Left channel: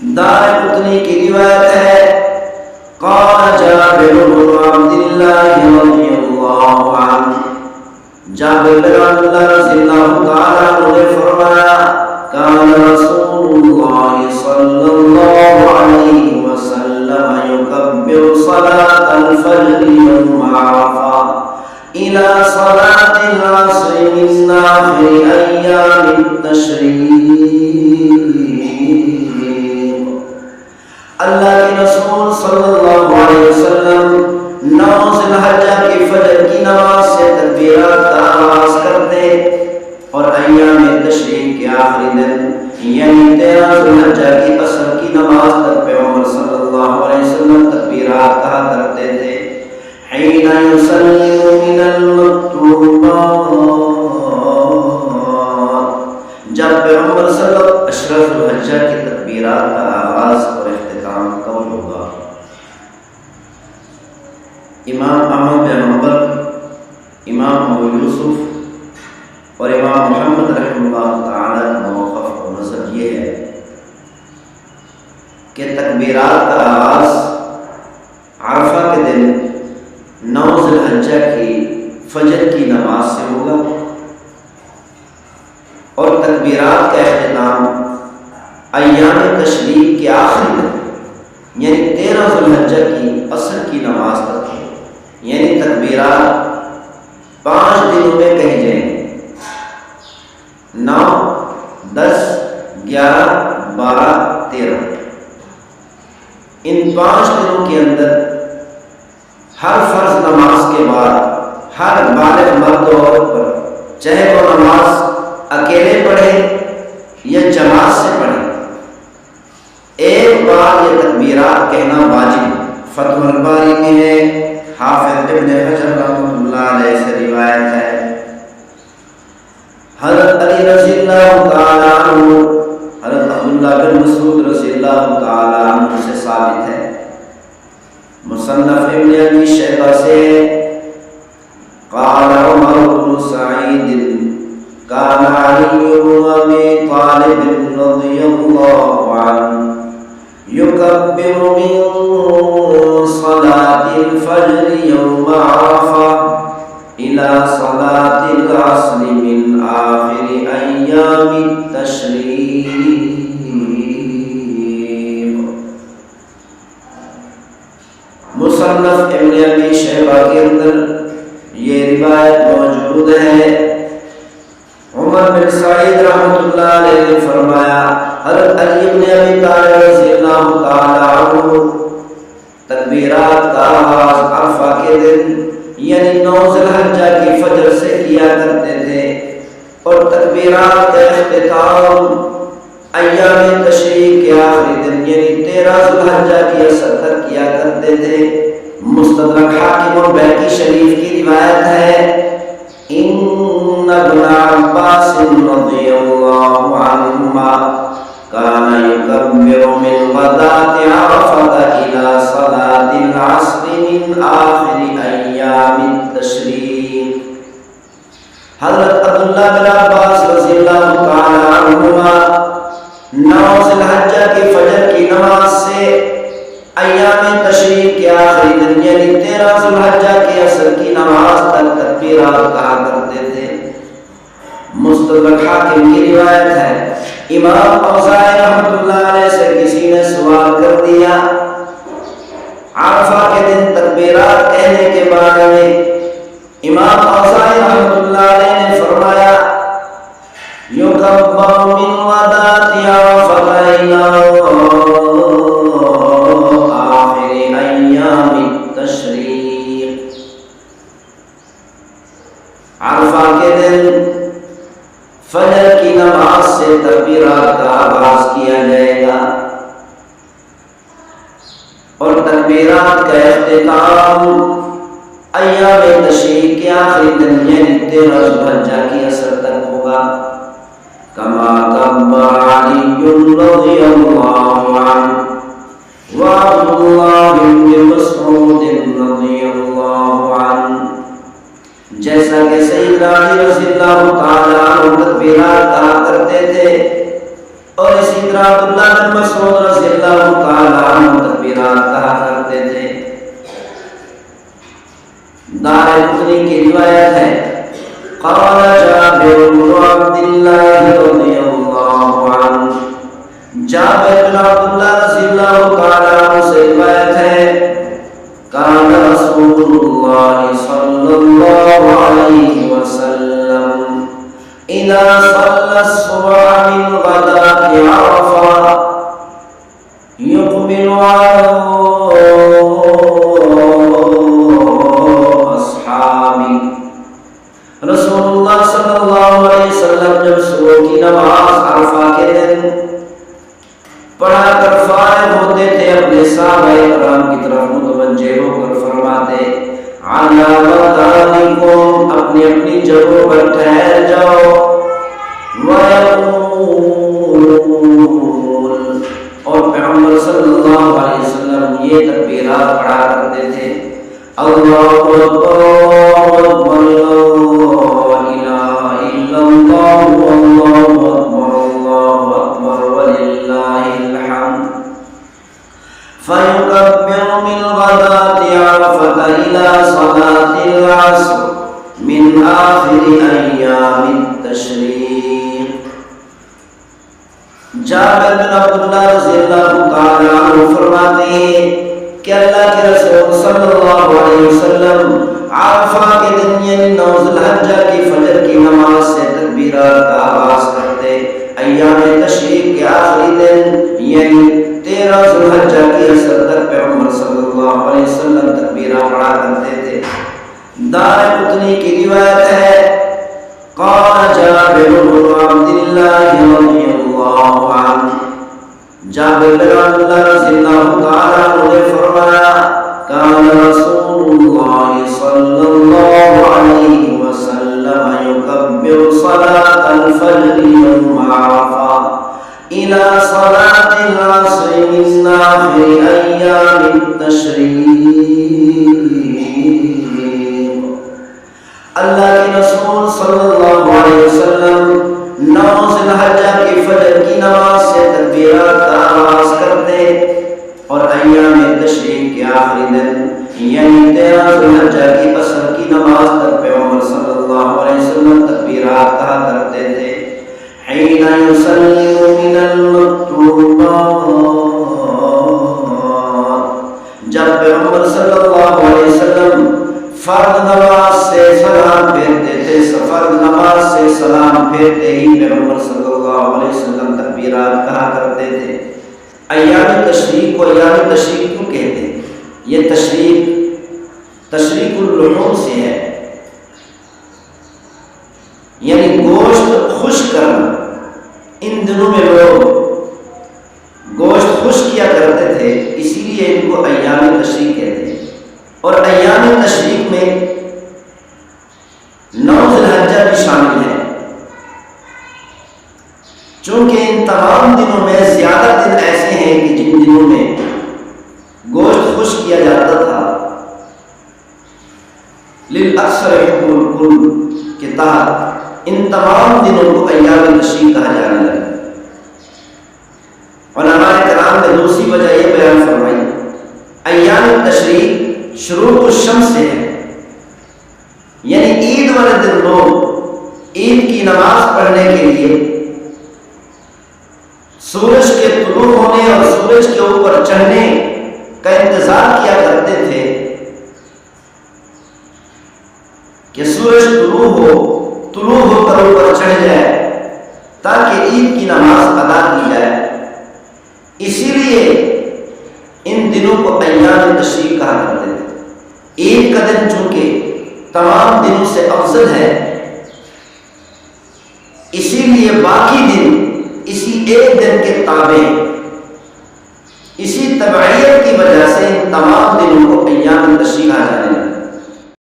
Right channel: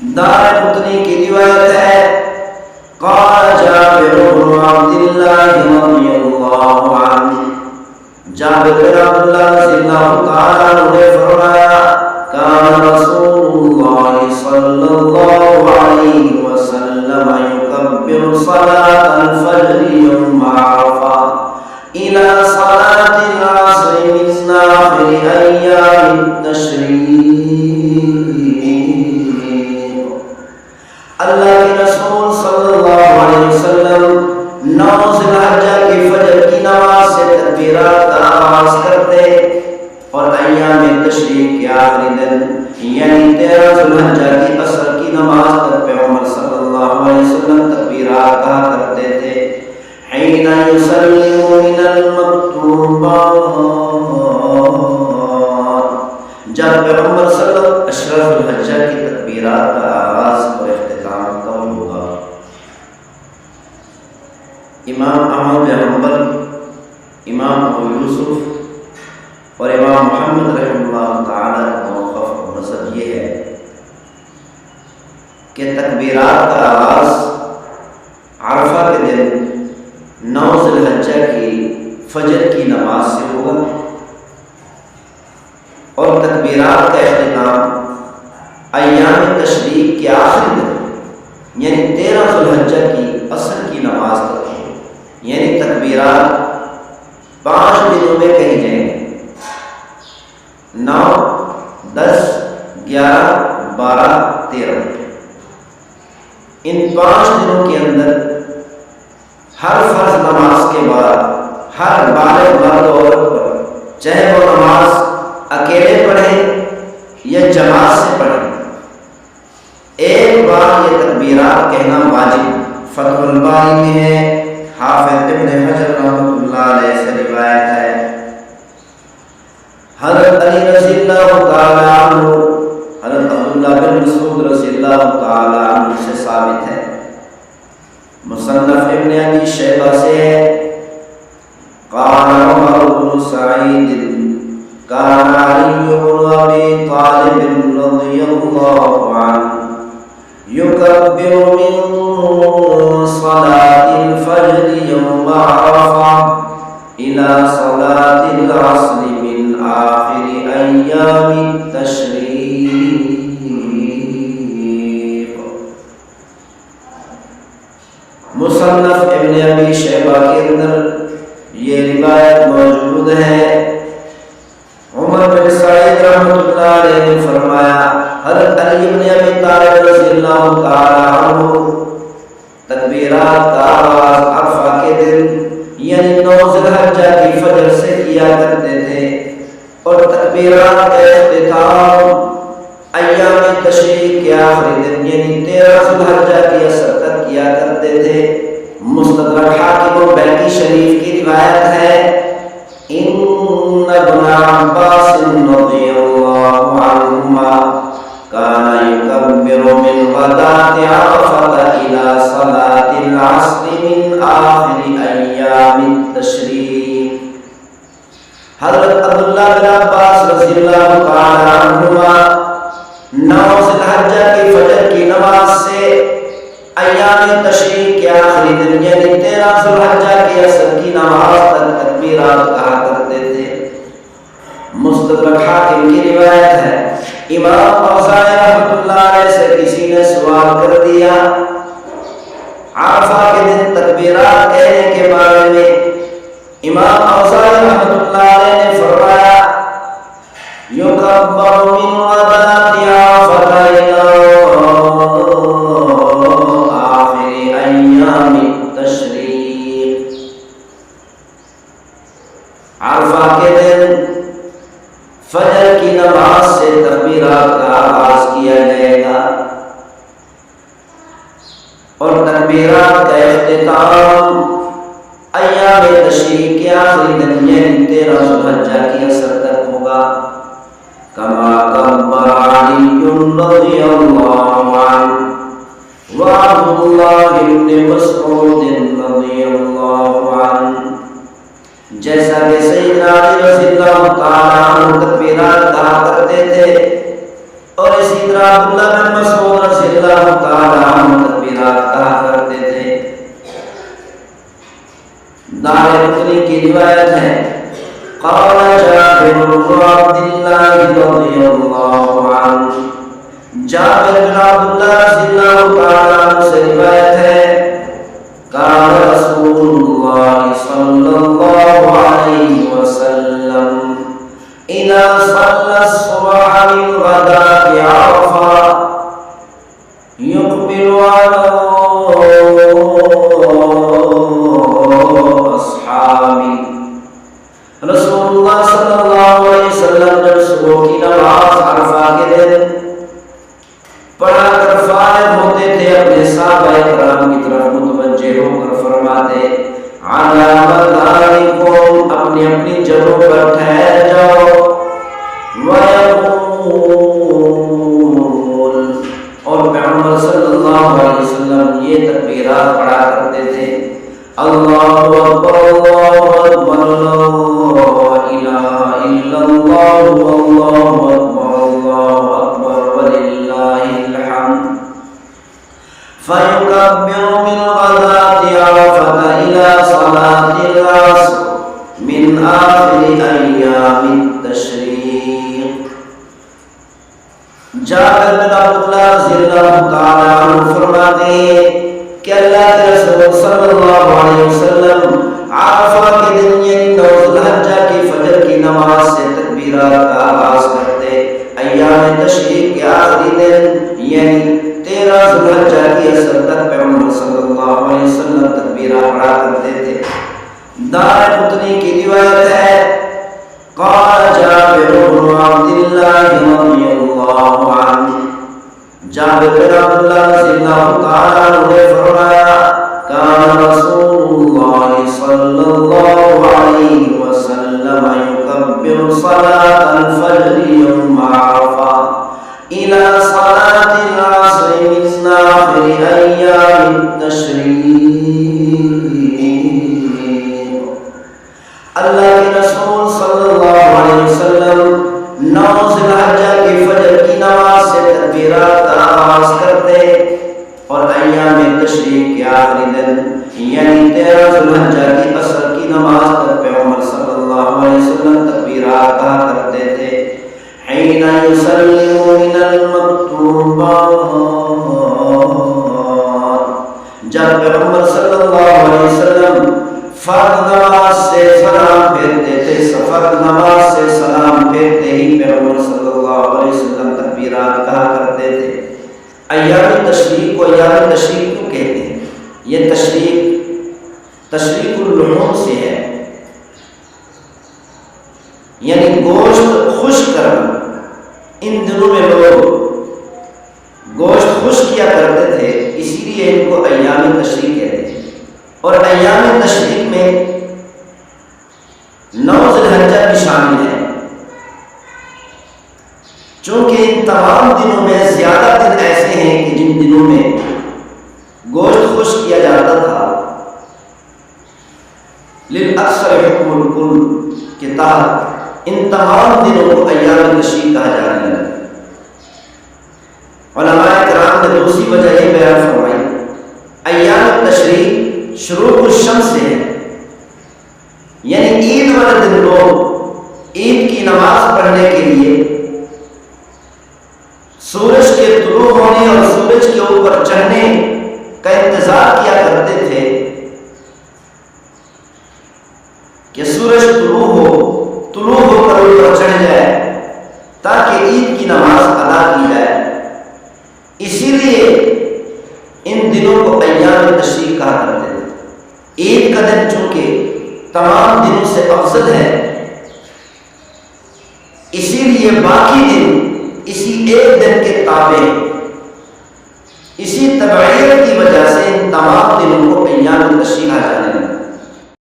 دارقطنی کی روایت ہے، قال جابر بن عبد اللہ رضی اللہ عنہ، جابر بن عبداللہ رضی اللہ تعالی عنہ نے فرمایا، کان رسول اللہ صلی اللہ علیہ وسلم یکبر صلاة الفجر یوم عرفہ الى صلاة العصر من آخر ایام التشریق۔ اللہ کے رسول صلی اللہ علیہ وسلم 9 ذی الحجہ کی فجر کی نماز سے تکبیرات کا آغاز کرتے اور ایام تشریق کے آخری دن یعنی 13 ذی الحجہ کی عصر کی نماز تک پیغمبر صلی اللہ علیہ وسلم تکبیرات کہا کرتے تھے۔ حین یسلم من المکتوبات، جب پیغمبر صلی اللہ علیہ وسلم 10 ذی الحجہ کی تکبیرات کا آغاز اور اختتام کب ہوگا؟ امام احمد بن حنبل، امام ابو یوسف اور امام محمد رحمہ اللہ تعالی کا موقف اور مذہب یہ ہے کہ تکبیرات کا آغاز عرفہ کے دن 9 ذی الحجہ کی فجر کی نماز سے ہوگا اور تکبیرات کا اختتام ایام تشریق کے آخری دن یعنی 13 ذی الحجہ کی عصر کی نماز تک ہے، یعنی تکبیرات 5 دنوں میں کہی جائیں گے، 9، 10، 11، 12، 13۔ ان 5 دنوں کے اندر ہر فرض نماز کے بعد ہر بالغ مرد و عورت پر، چاہے وہ نماز اکیلے پڑھے یا جماعت سے پڑھے، ایک بار یہ تکبیرات کہنا واجب۔ فتح الباری میں ہے، حافظ ابن حجر رحمۃ اللہ علیہ سے روایت ہے، حضرت علی رضی اللہ تعالی عنہ، حضرت عبداللہ بن مسعود رضی اللہ تعالی عنہ سے ثابت ہے، مصنف ابن ابی شیبہ سے ہے، قال عمر بن سعید کان علی بن ابی طالب رضی اللہ عنہ یکبر من صلاة الفجر یوم عرفہ الى صلاة العصر من آخر ایام التشریق۔ مصنف ابن ابی شیبہ کے اندر یہ روایت موجود ہے، عمر بن سعید رحمۃ اللہ علیہ نے فرمایا، حضرت علی بن ابی طالب رضی اللہ تعالی عنہ تکبیرات کا آغاز عرفہ کے دن یعنی 9 ذی الحجہ کی فجر سے کیا کرتے تھے اور تکبیرات کا اختتام ایام تشریق کے آخری دن یعنی 13 ذی الحجہ کی عصر تک کیا کرتے تھے۔ مستدرک حاکم و بیہقی شریف کی روایت ہے، ان ابن عباس رضی اللہ عنہما کان یکبر من غداة عرفة الى صلاة العصر من آخر ایام التشریق۔ حضرت عبداللہ بن عباس رضی اللہ تعالی عنہما 9 ذی الحجہ کی فجر کی نماز سے ایام تشریق کے آخری دن یعنی 13 ذی الحجہ کی عصر کی نماز تک تکبیرات کہا کرتے تھے۔ مستدرک حاکم کی روایت ہے، امام اوزاعی رحمۃ اللہ علیہ سے کسی نے سوال کر دیا عرفہ کے دن تکبیرات کہنے کے بارے میں، امام اوزاعی رحمۃ اللہ علیہ نے فرمایا، یکبر من غداة عرفة إلى آخر ایام التشریق۔ عرفہ کے دن فجر کی نماز سے تکبیرات کا آغاز کیا جائے گا اور تکبیرات کا اختتام ایام تشریق کے آخری دن یعنی 13 ذی الحجہ کی عصر تک ہوگا۔ کما کبر علی رضی اللہ عنہ وعبد اللہ بن مسعود رضی اللہ عنہ، جیسا کہ سیدنا علی رضی اللہ تعالی عنہ تکبیرات کہا کرتے تھے اور اسی طرح عبداللہ بن مسعود رضی اللہ تعالیٰ عنہ تکبیرات کہا کرتے تھے۔ دارقطنی کی روایت ہے، قال جابر بن عبد اللہ رضی اللہ عنہ، جابر بن عبداللہ رضی اللہ تعالیٰ عنہ سے روایت ہے، کان رسول اللہ صلی اللہ علیہ وسلم اذا صلى الصبح من غداة عرفہ يقبل على اصحابه۔ رسول اللہ صلی اللہ علیہ وسلم جب صبح کی نماز عرفہ کے دن پڑھا کر فارغ ہوتے تھے، اپنے صحابہ کرام کی طرف متوجہ ہو کر فرماتے، علی مکانکم، اپنی اپنی جگہوں پر ٹھہر جاؤ، ویقول، اور پیغمبر صلی اللہ علیہ وسلم یہ تکبیرات پڑھا کرتے تھے، اللہ اکبر اللہ اکبر لا الہ الا اللہ اللہ اکبر اللہ اکبر وللہ الحمد، فَيُكَبِّرُ مِنْ غَدَاةِ عَرَفَةَ إِلَى صَلَاةِ الْعَصْرِ مِنْ آخِرِ أَيَّامِ التَّشْرِيقِ۔ جابر بن عبداللہ رضی اللہ تعالیٰ عنہ فرماتے ہیں کہ اللہ کے رسول صلی اللہ علیہ وسلم عرفہ کے دن یعنی 9 ذی الحجہ کی فجر کی نماز سے تکبیرات کا آغاز کرتے، ایام تشریق کے آخری دن یعنی 13 ذی الحجہ کی اثر تک پیغمبر صلی اللہ علیہ وسلم تکبیرات پڑھا کرتے تھے۔ دارقطنی کی روایت ہے، قال جابر بن عبد اللہ رضی اللہ عنہ، جابر بن عبداللہ رضی اللہ تعالیٰ عنہ نے فرمایا، کان رسول اللہ صلی اللہ علیہ وسلم یکبر صلاة الفجر یوم عرفہ إلى صلاة العصر من آخر أيام التشريق۔ اللہ کے رسول صلی اللہ علیہ وسلم 9 ذی الحجہ کی فجر کی نماز سے تکبیرات کا آغاز کرتے اور ایام تشریق کے آخری دن یعنی 13 ذی الحجہ کی عصر کی نماز تک پیغمبر صلی اللہ علیہ وسلم تکبیرات کہا کرتے تھے۔ حین یسلم من المکتوبات، جب پیغمبر صلی اللہ علیہ وسلم فرض نماز سے سلام پھیرتے تھے، فرض نماز سے سلام پھیرتے ہی پیغمبر صلی اللہ علیہ وسلم تکبیرات کہا کرتے تھے۔ ایام تشریق کو ایام تشریق کیوں کہتے ہیں؟ یہ تشریق اللحوم سے ہے، یعنی گوشت خشک کرنا۔ ان دنوں میں لوگ گوشت خشک کیا کرتے تھے، اسی لیے ان کو ایام تشریق کہتے ہیں۔ اور ایام تشریق میں 9 ذی الحجہ بھی شامل ہے، چونکہ ان تمام دنوں میں زیادہ دن ایسے ہیں کہ جن دنوں میں گوشت خشک کیا جاتا تھا، للأکثر حکم الکل کے تحت ان تمام دنوں کو ایام تشریق کہا جانے لگا۔ علماء کرام نے دوسری وجہ یہ بیان فرمائی، ایام تشریق شروق الشمس سے ہے، یعنی عید والے دن لوگ عید کی نماز پڑھنے کے لیے سورج کے طلوع ہونے اور سورج کے اوپر چڑھنے کا انتظار کیا کرتے تھے کہ سورج طلوع ہو کر اوپر چڑھ جائے تاکہ عید کی نماز ادا کی جائے۔ اسی لیے ان دنوں کو ایام تشریق کہا کرتے تھے۔ عید کا دن چونکہ تمام دنوں سے افضل ہے، اسی لیے باقی دن اسی ایک دن کے تابع، اسی تبعیت کی وجہ سے ان تمام دنوں کو ایام تشریق کہا جانے لگا۔